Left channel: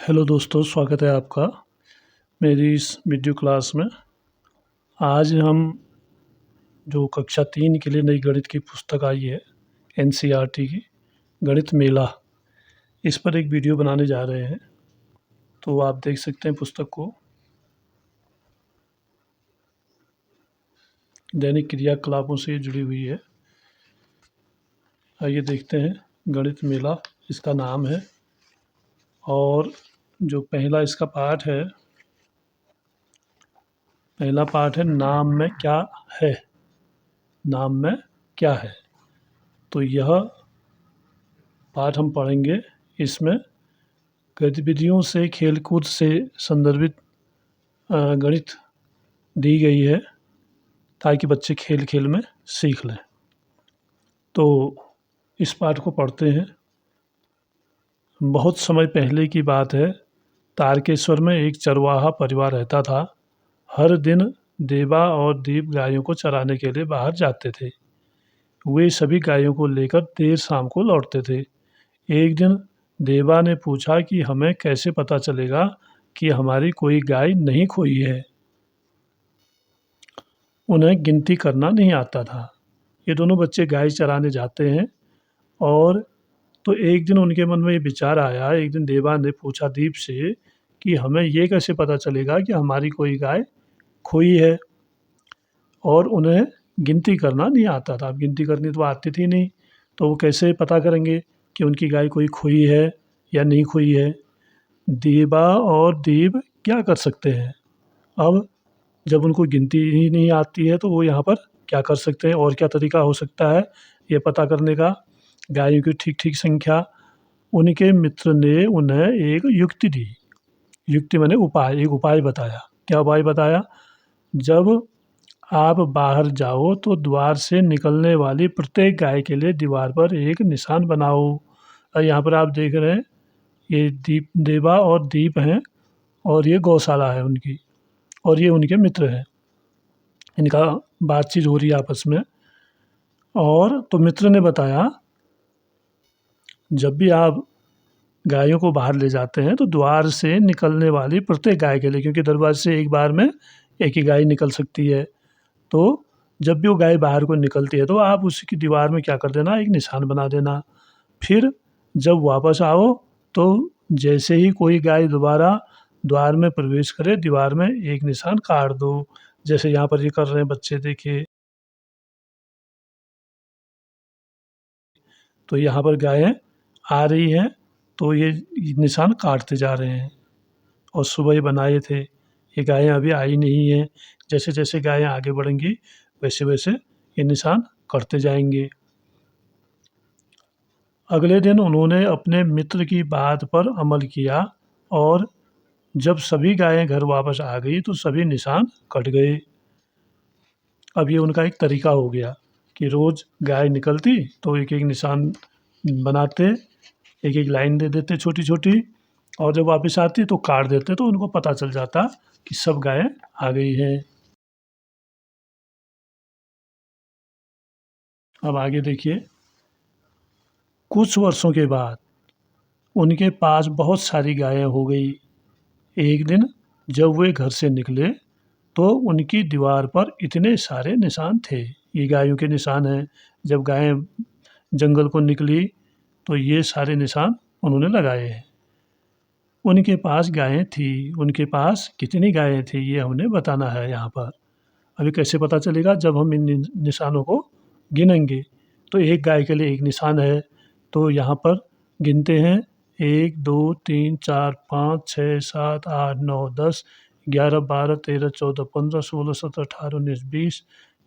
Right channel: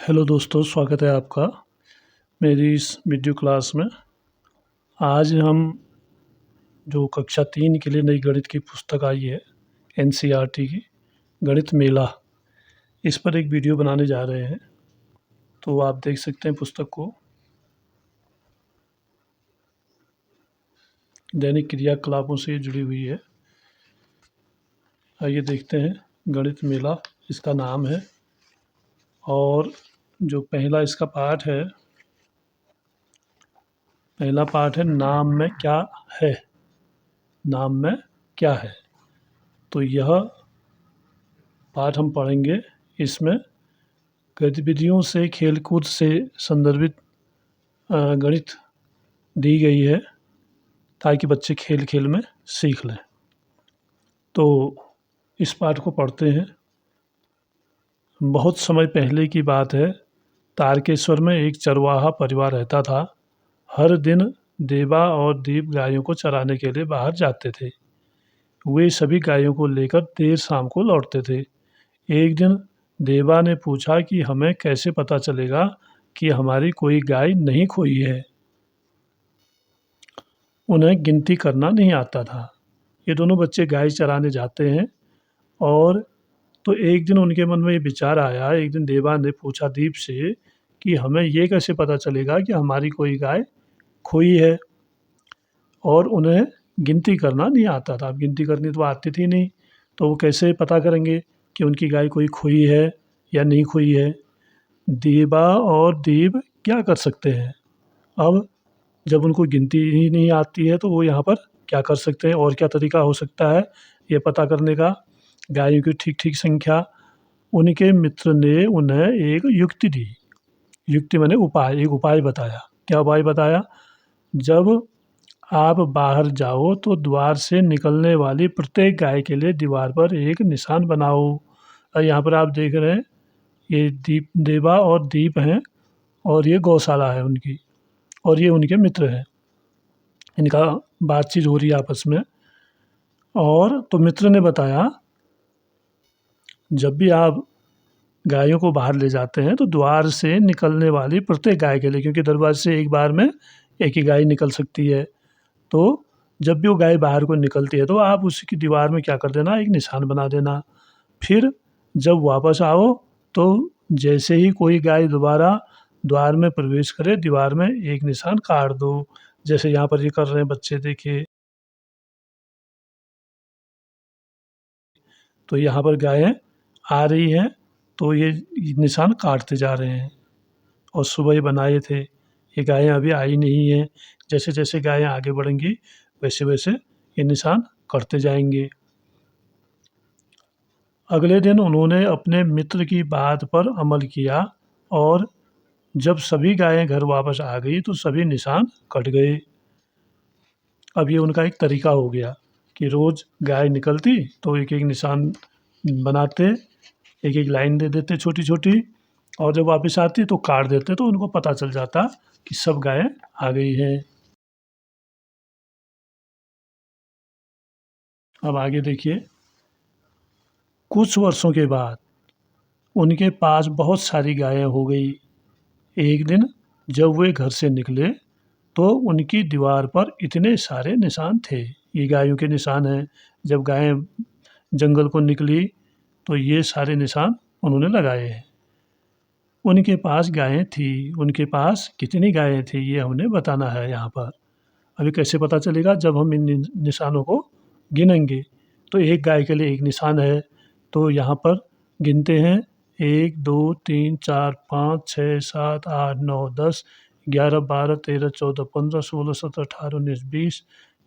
Hello दोस्तों, स्वागत है आपका मेरी इस वीडियो क्लास में। आज हम जो कक्षा 3 के लिए नई गणित की पुस्तक आई है एनसीईआरटी की गणित मेला, इस पर एक वीडियो बनाने जा रहे हैं। तो आप देख सकते हैं पुस्तक को। दैनिक क्रियाकलापों से जुड़ी हुई है। आइए देखते हैं। गणित मेला इसका नाम है और जो पहला इसका पाठ है, पहला पाठ है नाम में क्या है। नाम में क्या है, तो यह पाठ हम पढ़ेंगे। इसमें गतिविधियों से, खेलकूद से संदर्भित गणित दी गई है ताकि बच्चे खेल खेल में सीख लें। तो इस पाठ को पढ़ते हैं। बहुत समय पहले की बात है। तारकेश्वर में एक चरवाहा परिवार रहता था। हर दिन देवा और दीप गायों को चराने के लिए बाहर जाते थे। वे सभी गायों को लेकर देर शाम को लौटते थे। एक दिन देवा ने पूछा कि हमें कैसे पता चलेगा कि हमारी कोई गाय नहीं खोई है। उन्हें गिनती करना नहीं आता था। ये दोनों बच्चे गाय चराने जाते हैं और तो एक दिन उनके मन में ये विचार आया। एक दिन देवा ने पूछा दीप से कि हमें ये कैसे पता चलेगा कि हमारी कोई गाय खोई है। और उन्हें गिनती करना नहीं आता था। अब गिनती करनी तो आती थी नहीं, तो वो कैसे पता करेंगे कि उनकी गाय कोई खोई है या नहीं खोई है। देवा और दीप क्या कर सकते हैं। अब जब उनको गिनती ही नहीं आती है तो वो यहाँ पर क्या कर सकते हैं और क्या तरीका हो सकता है ये पता करने का। गायों की ठीक ठीक संख्या। उनके मित्र ने उन्हें एक युक्ति दी। युक्ति माने उपाय, एक उपाय बताया। क्या उपाय बताया? जब आप बाहर जाओ तो द्वार से निकलने वाली प्रत्येक गाय के लिए दीवार पर एक निशान बनाओ। और यहाँ पर आप देख रहे हैं ये देवा और दीप हैं और ये गौशाला है उनकी, और ये उनके मित्र हैं। इनका बातचीत हो रही है आपस में। और तो मित्र ने बताया जब भी आप गायों को बाहर ले जाते हैं तो द्वार से निकलने वाली प्रत्येक गाय के लिए, क्योंकि दरवाजे से एक बार में एक ही गाय निकल सकती है, तो जब भी वो गाय बाहर को निकलती है तो आप उसकी दीवार में क्या कर देना, एक निशान बना देना। फिर जब वापस आओ तो जैसे ही कोई गाय दोबारा द्वार में प्रवेश करे दीवार में एक निशान काट दो। जैसे यहाँ पर ये कर रहे हैं बच्चे, देखिए। तो यहाँ पर गायें आ रही हैं तो ये निशान काटते जा रहे हैं। और सुबह ही बनाए थे, ये गायें अभी आई नहीं हैं। जैसे जैसे गायें आगे बढ़ेंगी वैसे वैसे ये निशान कटते जाएंगे। अगले दिन उन्होंने अपने मित्र की बात पर अमल किया और जब सभी गायें घर वापस आ गई तो सभी निशान कट गए। अब ये उनका एक तरीका हो गया कि रोज़ गाय निकलती तो एक एक निशान बनाते, एक एक लाइन दे देते छोटी छोटी, और जब वापस आती तो काट देते, तो उनको पता चल जाता कि सब गायें आ गई हैं। अब आगे देखिए। कुछ वर्षों के बाद उनके पास बहुत सारी गायें हो गई। एक दिन जब वे घर से निकले तो उनकी दीवार पर इतने सारे निशान थे। ये गायों के निशान हैं। जब गायें जंगल को निकली तो ये सारे निशान उन्होंने लगाए हैं। उनके पास गायें थी। उनके पास कितनी गायें थी ये हमने बताना है यहाँ पर। अभी कैसे पता चलेगा? जब हम इन निशानों को गिनेंगे। तो एक गाय के लिए एक निशान है, तो यहाँ पर गिनते हैं 1 2 3 4 5 6 7 8 9 10 11 12 13 14 15 16 17 18 19 20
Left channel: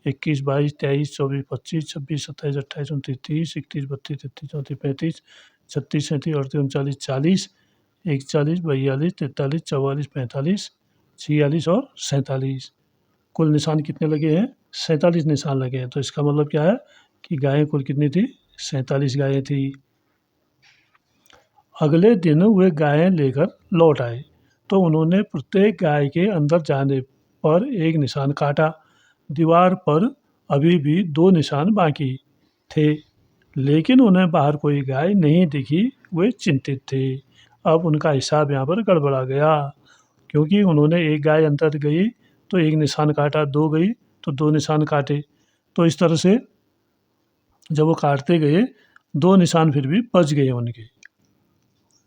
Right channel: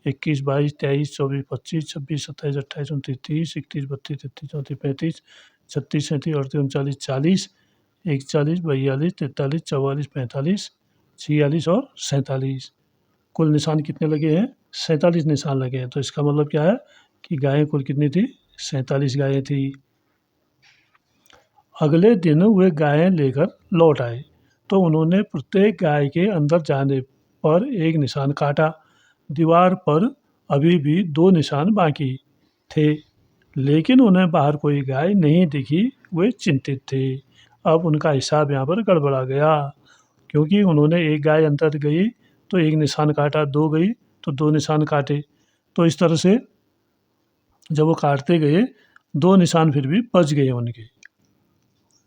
21 22 23 24 25 26 27 28 29 30 31 32 33 34 35 36 37 38 39 40 41 42 43 44 45 46 और 47। कुल निशान कितने लगे हैं? 47 निशान लगे हैं। तो इसका मतलब क्या है कि गायें कुल कितनी थी? 47 गायें थी। अगले दिन वे गायें लेकर लौट आए तो उन्होंने प्रत्येक गाय के अंदर जाने पर एक निशान काटा। दीवार पर अभी भी 2 निशान बाकी थे, लेकिन उन्हें बाहर कोई गाय नहीं दिखी। वे चिंतित थे। अब उनका हिसाब यहाँ पर गड़बड़ा गया, क्योंकि उन्होंने एक गाय अंतर गई तो एक निशान काटा, 2 गई तो 2 निशान काटे। तो इस तरह से जब वो काटते गए 2 निशान फिर भी बच गए उनके,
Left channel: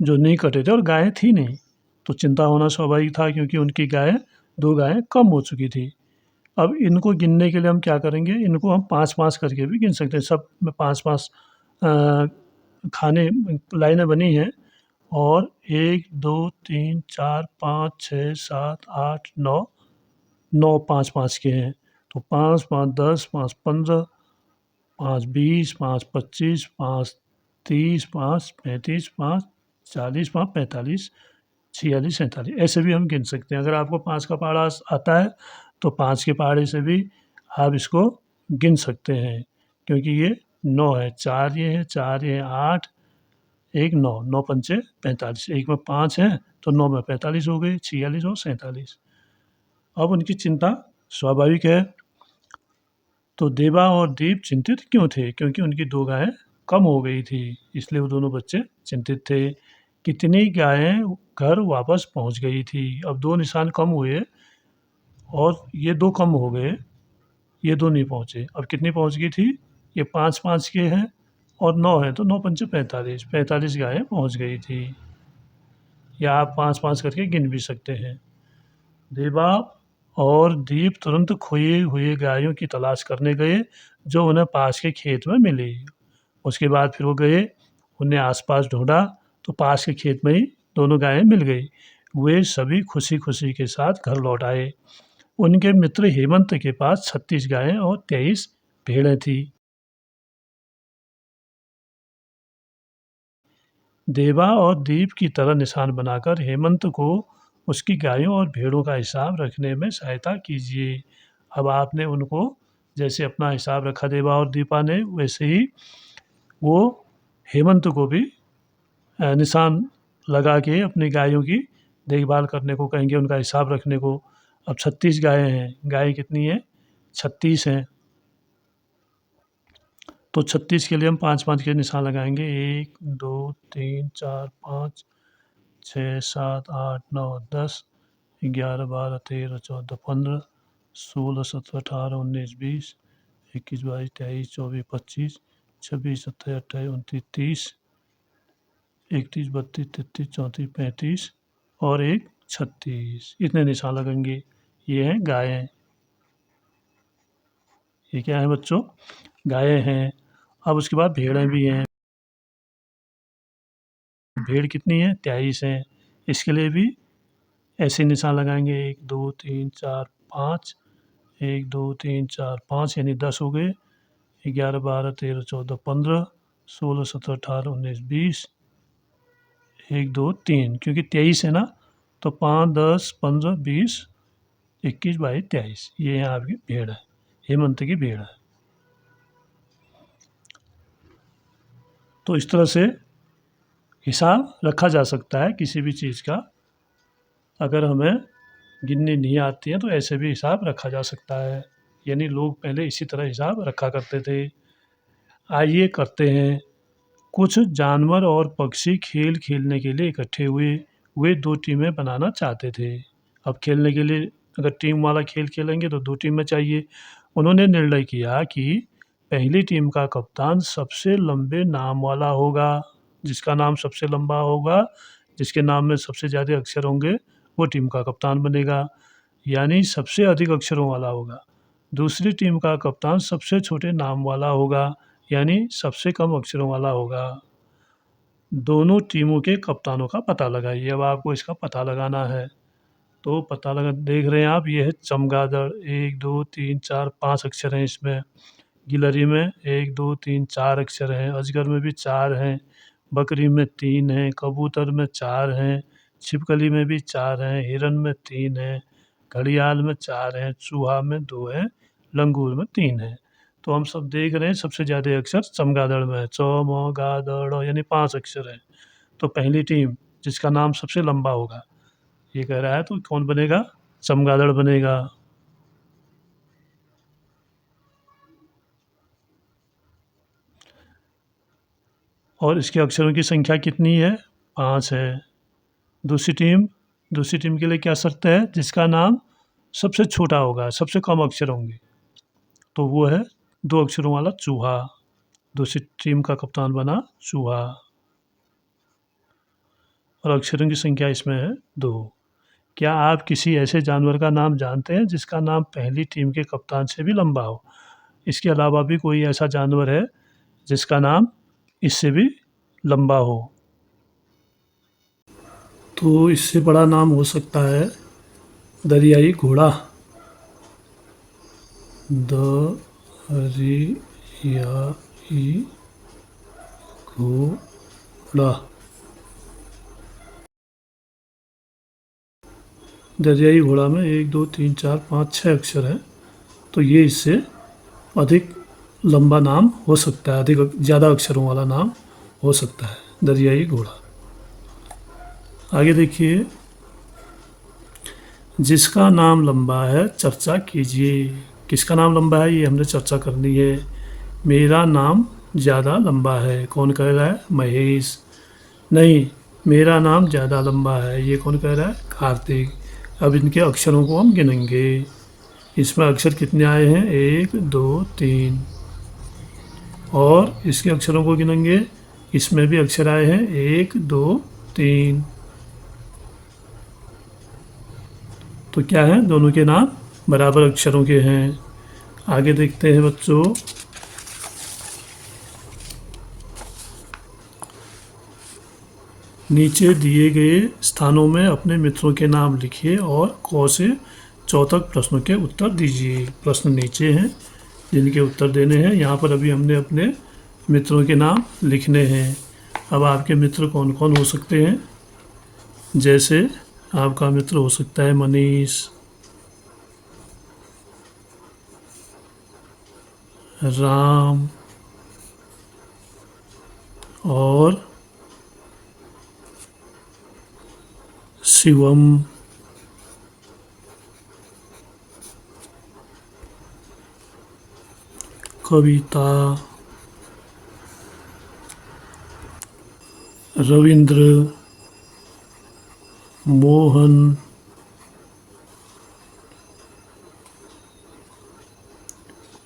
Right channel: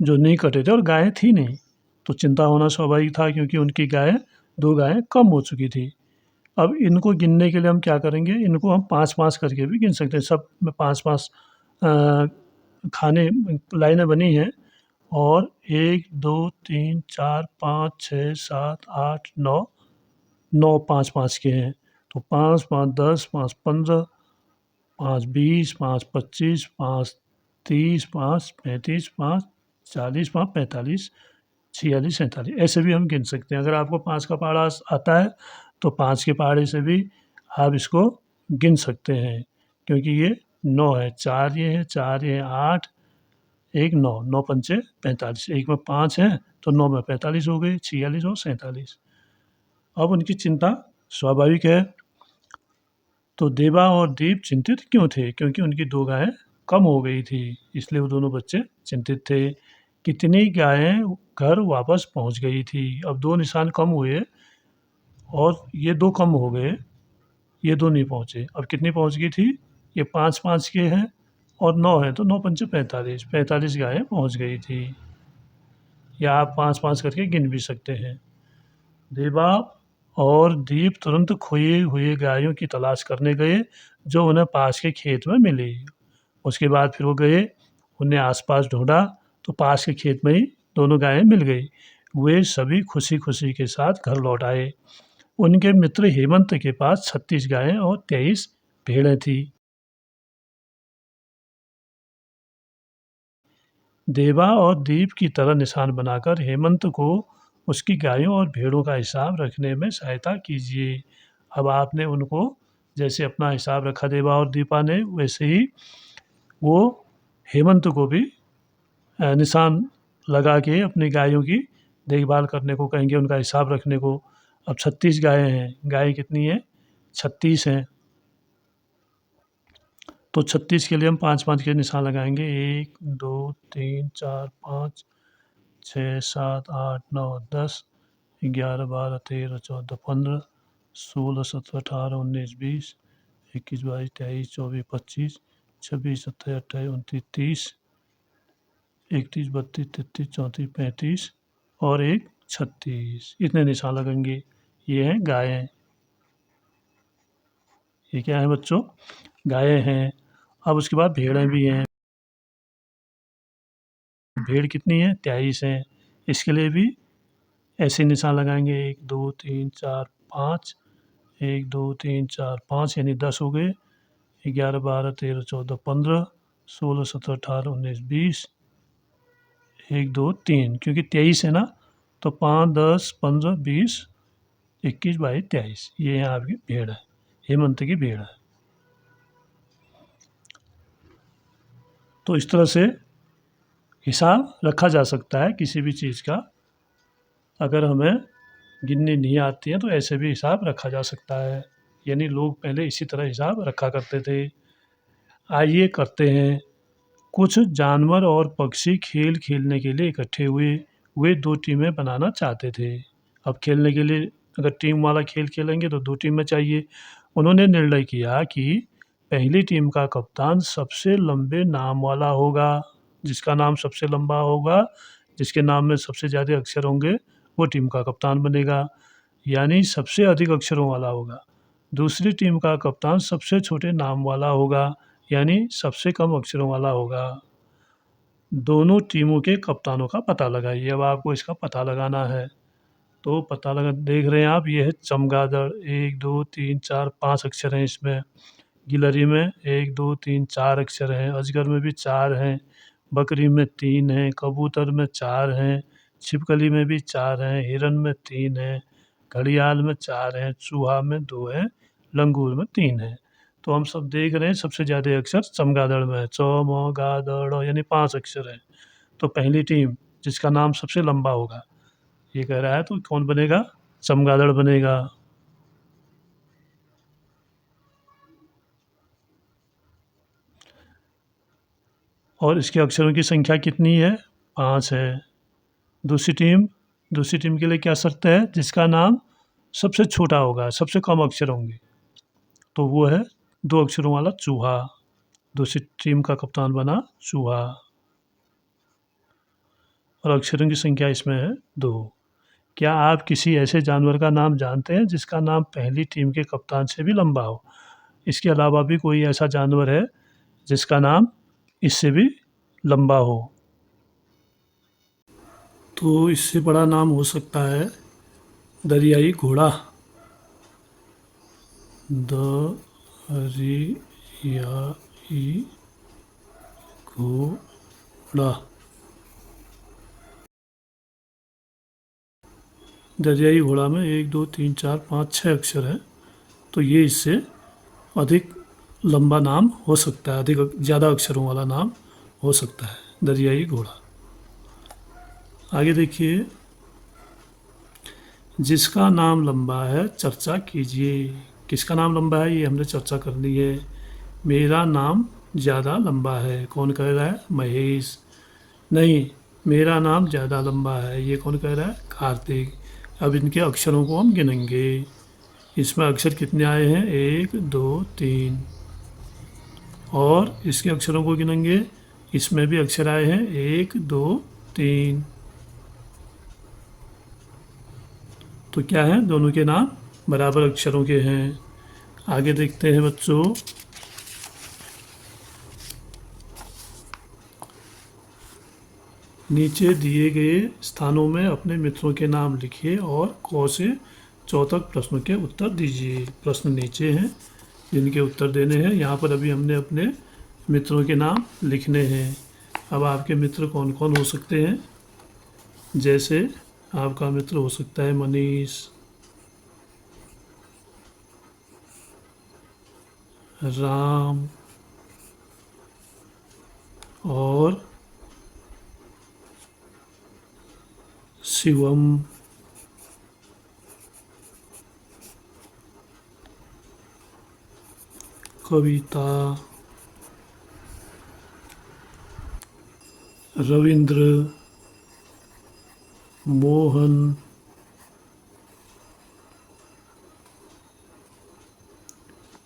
जो नहीं कटे थे और गायें थी नहीं। तो चिंता होना स्वाभाविक था, क्योंकि उनकी गायें 2 गायें कम हो चुकी थी। अब इनको गिनने के लिए हम क्या करेंगे, इनको हम 5-5 करके भी गिन सकते हैं। सब में 5-5 अ, खाने लाइनें बनी हैं, और 1, 2, 3, 4, 5, 6, 7, 8, 9, 9 5-5 के हैं। तो 5, 5, 10, 5, 15, 5, 20, 5, 25, 5, 30, 5, 35, 5, 40, 5, 45, 46, 47 ऐसे भी हम गिन सकते हैं। अगर आपको 5 का पहाड़ा आता है तो 5 के पहाड़े से भी आप इसको गिन सकते हैं, क्योंकि ये 9 है, 4 ये है, 4 ये है, 8, 1 9, 9 पंचे 45, एक में 5 हैं तो 9 में 45 हो गए, 46 और 47। अब उनकी चिंता स्वाभाविक है। तो देवा और दीप चिंतित क्यों थे? क्योंकि उनकी 2 गायें कम हो गई थी, इसलिए वो दोनों बच्चे चिंतित थे। कितनी गायें घर वापस पहुंच गई थी? अब 2 निशान कम हुए और ये 2 कम हो गए, ये 2 नहीं पहुंचे। अब कितनी पहुंच गई थी? ये 5-5 के हैं और 9 है, तो 9 पंचे 45, 45 गायें पहुंच गई थी। या आप 5-5 करके गिन भी सकते हैं। देवा और दीप तुरंत खोए हुए गायों की तलाश करने गए, जो उन्हें पास के खेत में मिली। उसके बाद फिर वो गए, उन्हें आसपास ढूंढा तो पास के खेत में ही दोनों गायें मिल गई। वे सभी खुशी खुशी के साथ घर लौट आए। उनके मित्र हेमंत के पास 36 गायें और 23 भेड़ें थी। देवा और दीप की तरह निशान बनाकर हेमंत को उसकी गायों और भेड़ों का हिसाब रखने में सहायता कीजिए। अब आपने उनको जैसे अपना हिसाब रखा देवा और दीपा ने, वैसे ही वो हेमंत को भी निशान लगा के अपनी गायों की देखभाल करने को कहेंगे, उनका हिसाब रखने को। अब 36 गायें हैं, गायें कितनी हैं? 36 हैं। तो 36 के लिए हम 5-5 के निशान लगाएंगे। 1, 2, 3, 4, 5, 6, 7, 8, 9, 10, 11, 12, 13, 14, 15, 16, 17, 18, 19, 20, 21, 22, 23, 24, 25, 26, 27, 28, 29, 30, 31, 32, 33, 34, 35 और एक 36, इतने निशान लगेंगे। ये हैं गायें। ये क्या है बच्चों? गायें हैं। अब उसके बाद भेड़ें भी हैं। भेड़ कितनी है? 23 हैं। इसके लिए भी ऐसे निशान लगाएंगे। 1, 2, 3, 4, 5, 1, 2, 3, 4, 5 यानी 10 हो गए। 11, 12, 13, 14, 15, 16, 17, 18, 19, 20, 1, 2, 3, क्योंकि 23 है ना, तो 5, 10, 15, 20, 21, 22, 23 ये यहाँ आपकी भेड़ है, हेमंत की भेड़ है। तो इस तरह से हिसाब रखा जा सकता है किसी भी चीज़ का। अगर हमें गिननी नहीं आती है तो ऐसे भी हिसाब रखा जा सकता है। यानी लोग पहले इसी तरह हिसाब रखा करते थे। आइए करते हैं। कुछ जानवर और पक्षी खेल खेलने के लिए इकट्ठे हुए। वे 2 टीमें बनाना चाहते थे। अब खेलने के लिए अगर टीम वाला खेल खेलेंगे तो 2 टीमें चाहिए। उन्होंने निर्णय किया कि पहली टीम का कप्तान सबसे लंबे नाम वाला होगा। जिसका नाम सबसे लंबा होगा, जिसके नाम में सबसे ज़्यादा अक्षर होंगे, वो टीम का कप्तान बनेगा। यानी सबसे अधिक अक्षरों वाला होगा। दूसरी टीम का कप्तान सबसे छोटे नाम वाला होगा, यानी सबसे कम अक्षरों वाला होगा। दोनों टीमों के कप्तानों का पता लगाइए। अब आपको इसका पता लगाना है। तो पता लगा देख रहे हैं आप, ये है चमगादड़। 1, 2, 3, 4, 5 अक्षर हैं इसमें। गिलहरी में 1, 2, 3, 4 अक्षर हैं। अजगर में भी 4 हैं। बकरी में 3 हैं। कबूतर में 4 हैं। छिपकली में भी 4 हैं। हिरन में 3 हैं। घड़ियाल में 4 हैं। चूहा में 2 हैं। लंगूर में 3 हैं। तो हम सब देख रहे हैं सबसे ज़्यादा अक्षर चमगादड़ में है। च म गा द ड़ यानी 5 अक्षर हैं। तो पहली टीम जिसका नाम सबसे लंबा होगा, ये कह रहा है, तो कौन बनेगा? चमगादड़ बनेगा। और इसके अक्षरों की संख्या कितनी है? 5 है। दूसरी टीम के लिए क्या शर्त है? जिसका नाम सबसे छोटा होगा, सबसे कम अक्षर होंगे, तो वो है 2 अक्षरों वाला चूहा। दूसरी टीम का कप्तान बना चूहा और अक्षरों की संख्या इसमें है 2। क्या आप किसी ऐसे जानवर का नाम जानते हैं जिसका नाम पहली टीम के कप्तान से भी लंबा हो? इसके अलावा भी कोई ऐसा जानवर है जिसका नाम इससे भी लंबा हो? तो इससे बड़ा नाम हो सकता है दरियाई घोड़ा। दरियाई घोड़ा। दरियाई घोड़ा में 1 2 3 4 5 6 अक्षर हैं, तो ये इससे अधिक लंबा नाम हो सकता है, अधिक ज़्यादा अक्षरों वाला नाम हो सकता है दरियाई घोड़ा। आगे देखिए, जिसका नाम लंबा है चर्चा कीजिए। किसका नाम लंबा है ये हमने चर्चा करनी है। मेरा नाम ज़्यादा लंबा है, कौन कह रहा है? महेश। नहीं, मेरा नाम ज़्यादा लंबा है, ये कौन कह रहा है? कार्तिक। अब इनके अक्षरों को हम गिनेंगे। इसमें अक्षर कितने आए हैं? 1 2 3। और इसके अक्षरों को गिनेंगे, इसमें भी अक्षर आए हैं 1 2 3। तो क्या है? दोनों के नाम बराबर अक्षरों के हैं। आगे देखते हैं बच्चों, नीचे दिए गए स्थानों में अपने मित्रों के नाम लिखिए और क से 4 तक प्रश्नों के उत्तर दीजिए। प्रश्न नीचे हैं जिनके उत्तर देने हैं। यहाँ पर अभी हमने अपने मित्रों के नाम लिखने हैं। अब आपके मित्र कौन कौन हो सकते हैं? जैसे आपका मित्र हो सकता है मनीष, राम और शिवम। कविता, रविंद्र, मोहन,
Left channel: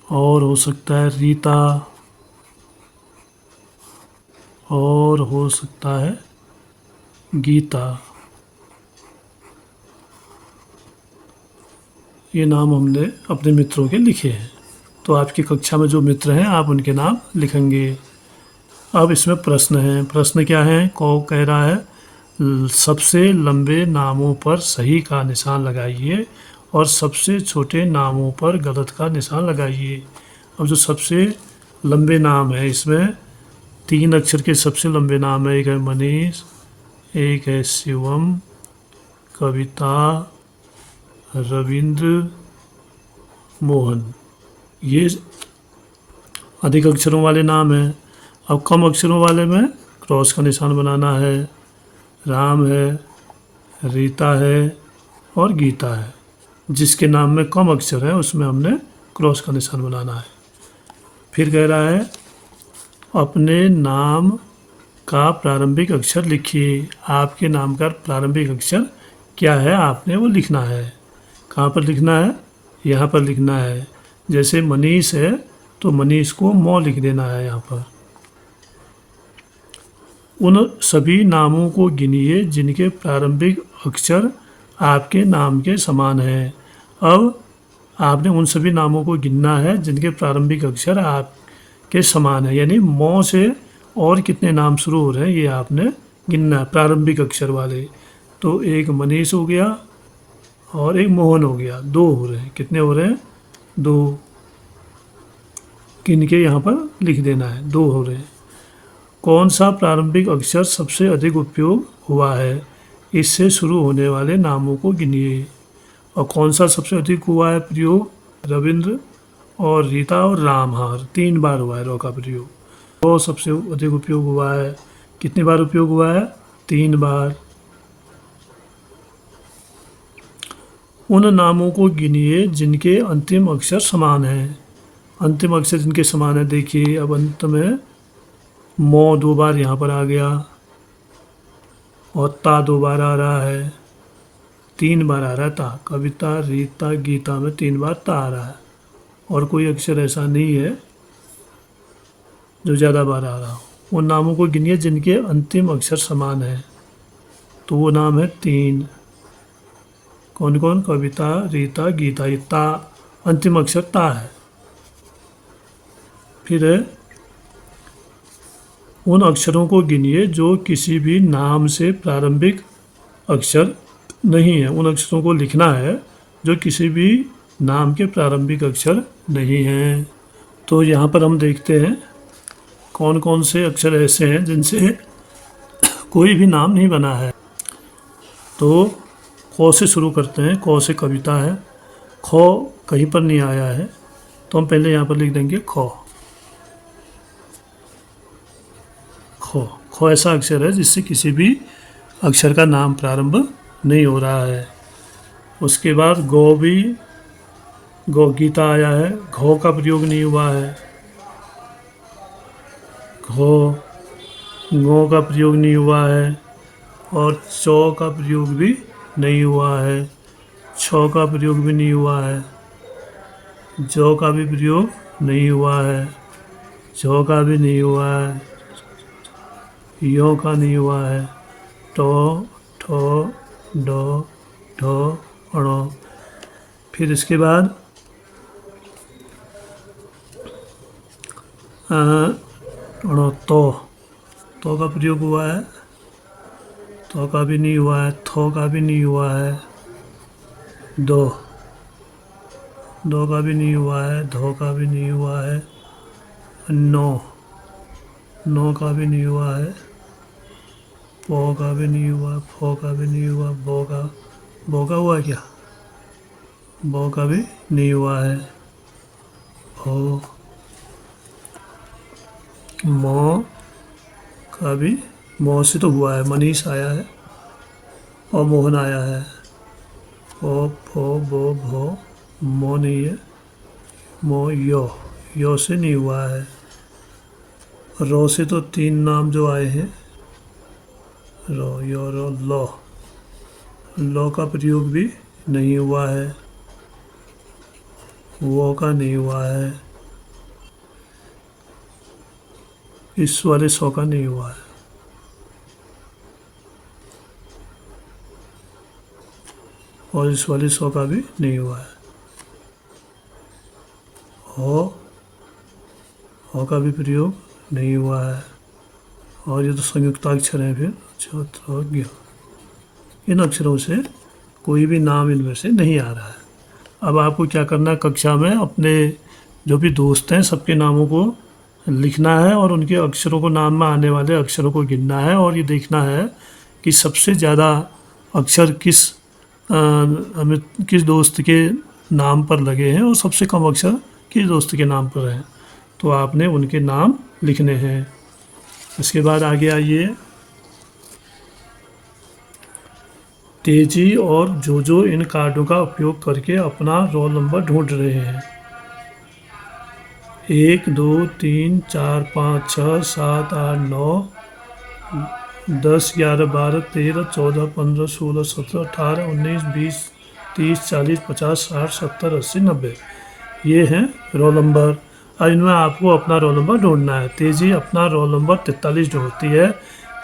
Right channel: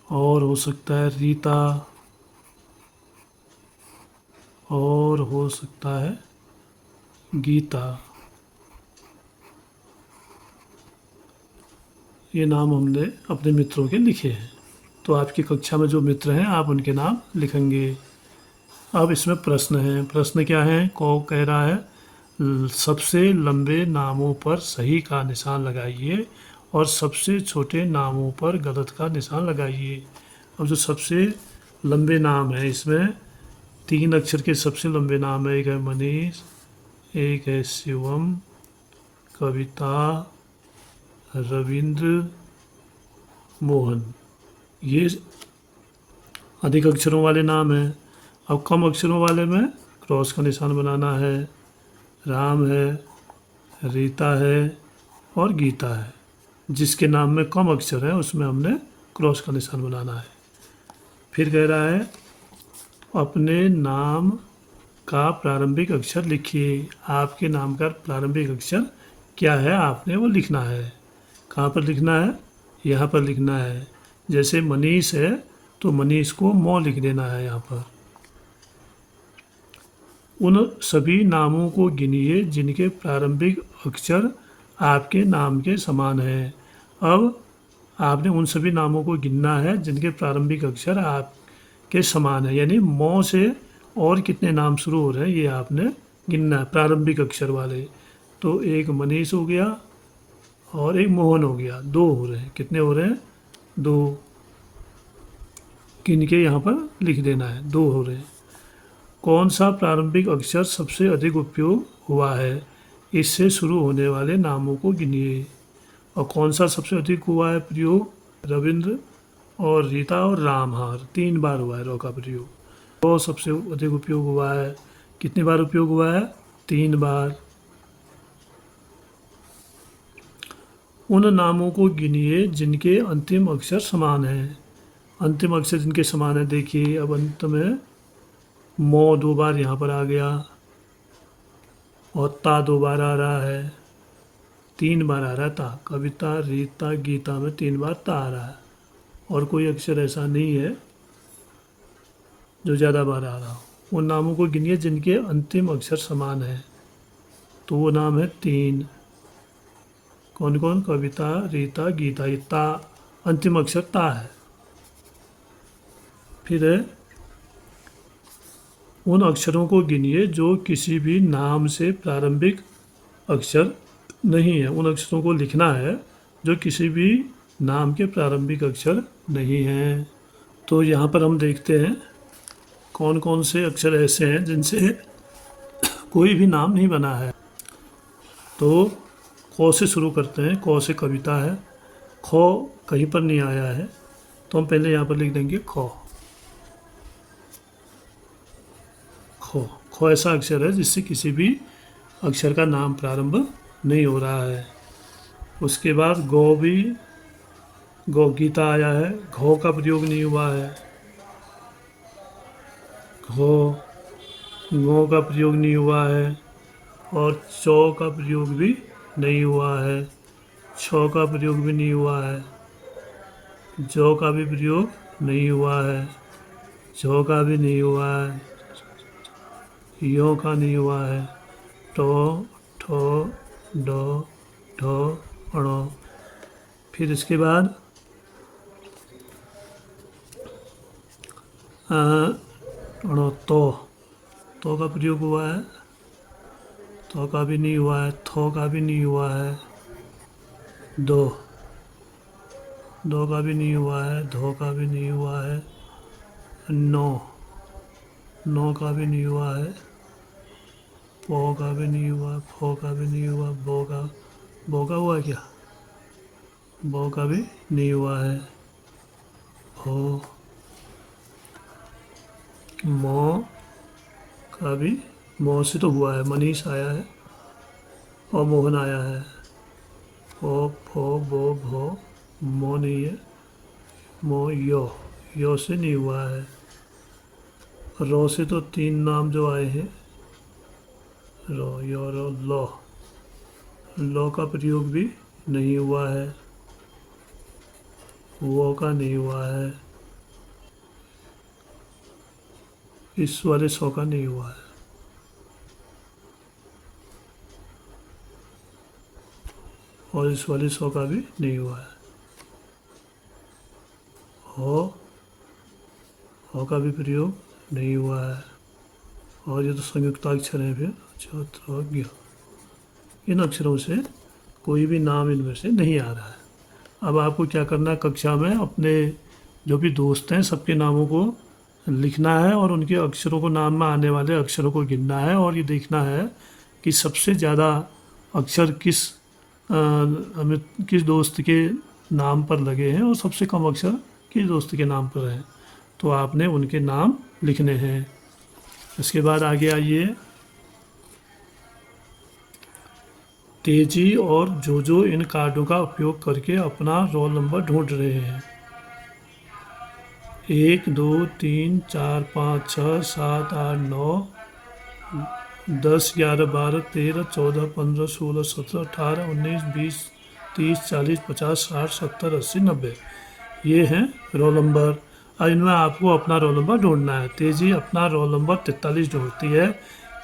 और हो सकता है रीता, और हो सकता है गीता। ये नाम हमने अपने मित्रों के लिखे हैं। तो आपकी कक्षा में जो मित्र हैं आप उनके नाम लिखेंगे। अब इसमें प्रश्न है। प्रश्न क्या है? कह रहा है सबसे लंबे नामों पर सही का निशान लगाइए और सबसे छोटे नामों पर गलत का निशान लगाइए। अब जो सबसे लंबे नाम है, इसमें 3 अक्षर के सबसे लंबे नाम है। एक है मनीष, एक है शिवम, कविता, रविंद्र, मोहन। ये अधिक अक्षरों वाले नाम हैं। अब कम अक्षरों वाले में क्रॉस का निशान बनाना है। राम है, रीता है और गीता है। जिसके नाम में कम अक्षर है उसमें हमने क्रॉस का निशान बनाना है। फिर कह रहा है अपने नाम का प्रारंभिक अक्षर लिखिए। आपके नाम का प्रारंभिक अक्षर क्या है आपने वो लिखना है। कहाँ पर लिखना है? यहाँ पर लिखना है। जैसे मनीष है तो मनीष को मौ लिख देना है यहाँ पर। उन सभी नामों को गिनिए जिनके प्रारंभिक अक्षर आपके नाम के समान है। अब आपने उन सभी नामों को गिनना है जिनके प्रारंभिक अक्षर आपके समान है, यानी मौ से और कितने नाम शुरू हो रहे हैं ये आपने गिनना है, प्रारंभिक अक्षर वाले। तो एक मनीष हो गया और एक मोहन हो गया, 2 हो रहे हैं। कितने हो रहे हैं? 2। गिन के यहाँ पर लिख देना है, 2 हो रहे हैं। कौन सा प्रारंभिक अक्षर सबसे अधिक उपयोग हुआ है? इससे शुरू होने वाले नामों को गिनिए। और कौन सा सबसे अधिक हुआ है प्रयोग? रविंद्र और रीता और राम। हाँ, 3 बार हुआ है रॉ का प्रयोग। वो सबसे अधिक उपयोग हुआ है। कितनी बार उपयोग हुआ है? 3 बार। उन नामों को गिनिए जिनके अंतिम अक्षर समान हैं। अंतिम अक्षर जिनके समान है, देखिए अब अंत में मौ 2 बार यहाँ पर आ गया। और ता 2 बार आ रहा है, 3 बार आ रहा है ता। कविता, रीता, गीता में 3 बार ता आ रहा है, और कोई अक्षर ऐसा नहीं है जो ज़्यादा बार आ रहा हो। उन नामों को गिनिए जिनके अंतिम अक्षर समान है, तो वो नाम है 3। कौन कौन? कविता, रीता, गीता। ये ता अंतिम अक्षर ता है। फिर है उन अक्षरों को गिनिए जो किसी भी नाम से प्रारंभिक अक्षर नहीं है। उन अक्षरों को लिखना है जो किसी भी नाम के प्रारंभिक अक्षर नहीं हैं। तो यहाँ पर हम देखते हैं कौन कौन से अक्षर ऐसे हैं जिनसे कोई भी नाम नहीं बना है। तो क से शुरू करते हैं। क से कविता है, ख कहीं पर नहीं आया है, तो हम पहले यहाँ पर लिख देंगे ख। ख ख ऐसा अक्षर है जिससे किसी भी अक्षर का नाम प्रारंभ नहीं हो रहा है। उसके बाद गौ भी, गौ गीता आया है, घो का प्रयोग नहीं हुआ है। घो, गौ का प्रयोग नहीं हुआ है, और चौ का प्रयोग भी नहीं हुआ है, छ का प्रयोग भी नहीं हुआ है, जौ का भी प्रयोग नहीं हुआ है, झौ का भी नहीं हुआ है, यो का नहीं हुआ है, टो, ठो, डो, ढो, अणो। फिर इसके बाद अणो, तो का प्रयोग हुआ है, तो का भी नहीं हुआ है, थो का भी नहीं हुआ है, दो, दो का भी नहीं हुआ है, धो का भी नहीं हुआ है, नो, नो का भी नहीं हुआ है, पो का भी नहीं हुआ, फो का भी नहीं हुआ, बो का हुआ है क्या? बो का भी नहीं हुआ है, हो, मो का भी, मो से तो हुआ है, मनीष आया है और मोहन आया है। ओ, फो, बो, भो, मो नहीं है, मो, यो से नहीं हुआ है। रो से तो 3 नाम जो आए हैं, रो, यो, रो, लो का प्रयोग भी नहीं हुआ है, वो का नहीं हुआ है, इस वाले सौ का नहीं हुआ है, और इस वाले 100 का भी नहीं हुआ है। हो का भी प्रयोग नहीं हुआ है, और ये तो संयुक्ताक्षर है। फिर छत्रज्ञ, इन अक्षरों से कोई भी नाम इनमें से नहीं आ रहा है। अब आपको क्या करना है, कक्षा में अपने जो भी दोस्त हैं सबके नामों को लिखना है और उनके अक्षरों को, नाम में आने वाले अक्षरों को गिनना है, और ये देखना है कि सबसे ज़्यादा अक्षर हमें किस दोस्त के नाम पर लगे हैं और सबसे कम अक्षर किस दोस्त के नाम पर हैं। तो आपने उनके नाम लिखने हैं। इसके बाद आगे आइए, तेजी और जो इन कार्डों का उपयोग करके अपना रोल नंबर ढूंढ रहे हैं। 1, 2, 3, 4, 5, 6, 7, 8, 9, 10, 11, 12, 13, 14, 15, 16, 17, 18, 19, 20, 30, 40, 50, 60, 70, 80, 90, ये हैं रोल नंबर। अब इनमें आपको अपना रोल नंबर ढूंढना है। तेजी अपना रोल नंबर 43 ढूंढती है।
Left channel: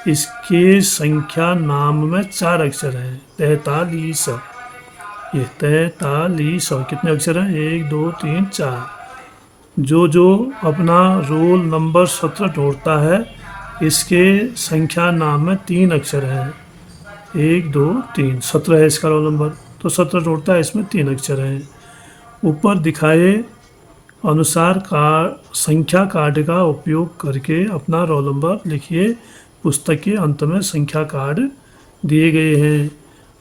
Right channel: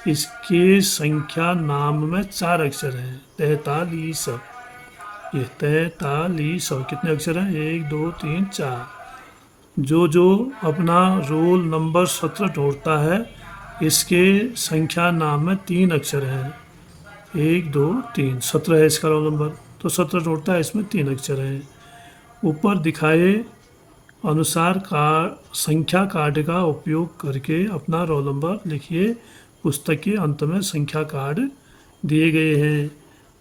इसके संख्या नाम में 4 अक्षर हैं, 43। ये 43, कितने अक्षर हैं? 1, 2, 3, 4। जो अपना रोल नंबर 17 ढूंढता है, इसके संख्या नाम में 3 अक्षर हैं, 1, 2, 3। 17 है इसका रोल नंबर, तो 17 ढूंढता है, इसमें 3 अक्षर हैं। ऊपर दिखाए अनुसार संख्या कार्ड का उपयोग करके अपना रोल नंबर लिखिए। पुस्तक के अंत में संख्या कार्ड दिए गए हैं।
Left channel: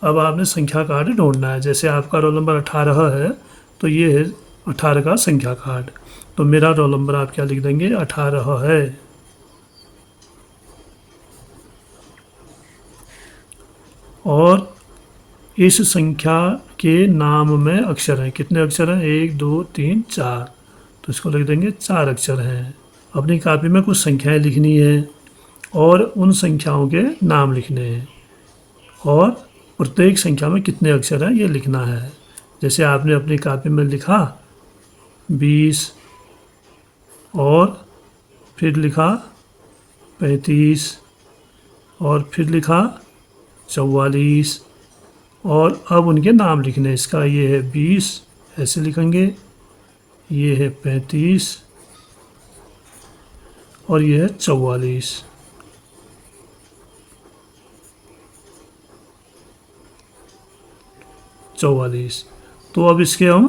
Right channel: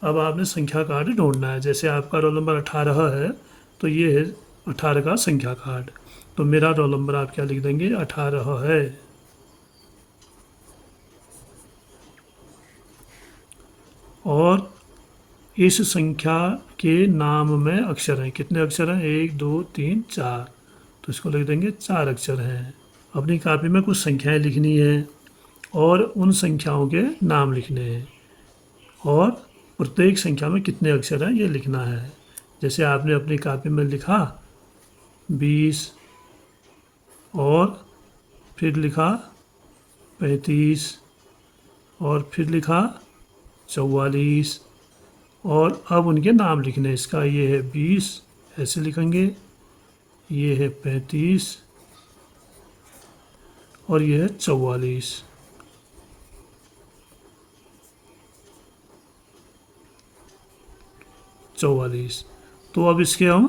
अब आपने संख्या कार्ड ढूंढना है। जैसे आपका रोल नंबर 18 है, तो ये है 18 का संख्या कार्ड। तो मेरा रोल नंबर आप क्या लिख देंगे? 18 है। और इस संख्या के नाम में अक्षर हैं, कितने अक्षर हैं? 1, 2, 3, 4। तो इसको लिख देंगे 4 अक्षर हैं। अपनी कॉपी में कुछ संख्याएं लिखनी है और उन संख्याओं के नाम लिखने हैं। और प्रत्येक संख्या में कितने अक्षर हैं ये लिखना है। जैसे आपने अपनी कॉपी में लिखा 20 और फिर लिखा 35 और फिर लिखा 44 और अब उनके नाम लिखने। इसका ये है 20 ऐसे लिखेंगे, ये है 35 और ये है 44। तो अब इसके हम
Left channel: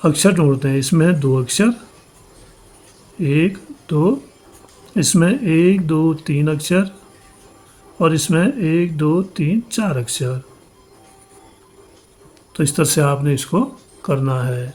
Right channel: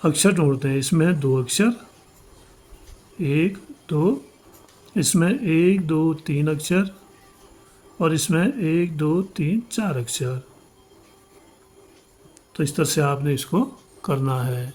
अक्षर ढूंढते हैं। इसमें है 2 अक्षर, 1 2, इसमें 1 2 3 अक्षर और इसमें 1 2 3 4 अक्षर। तो इस तरह से आपने इसको करना है।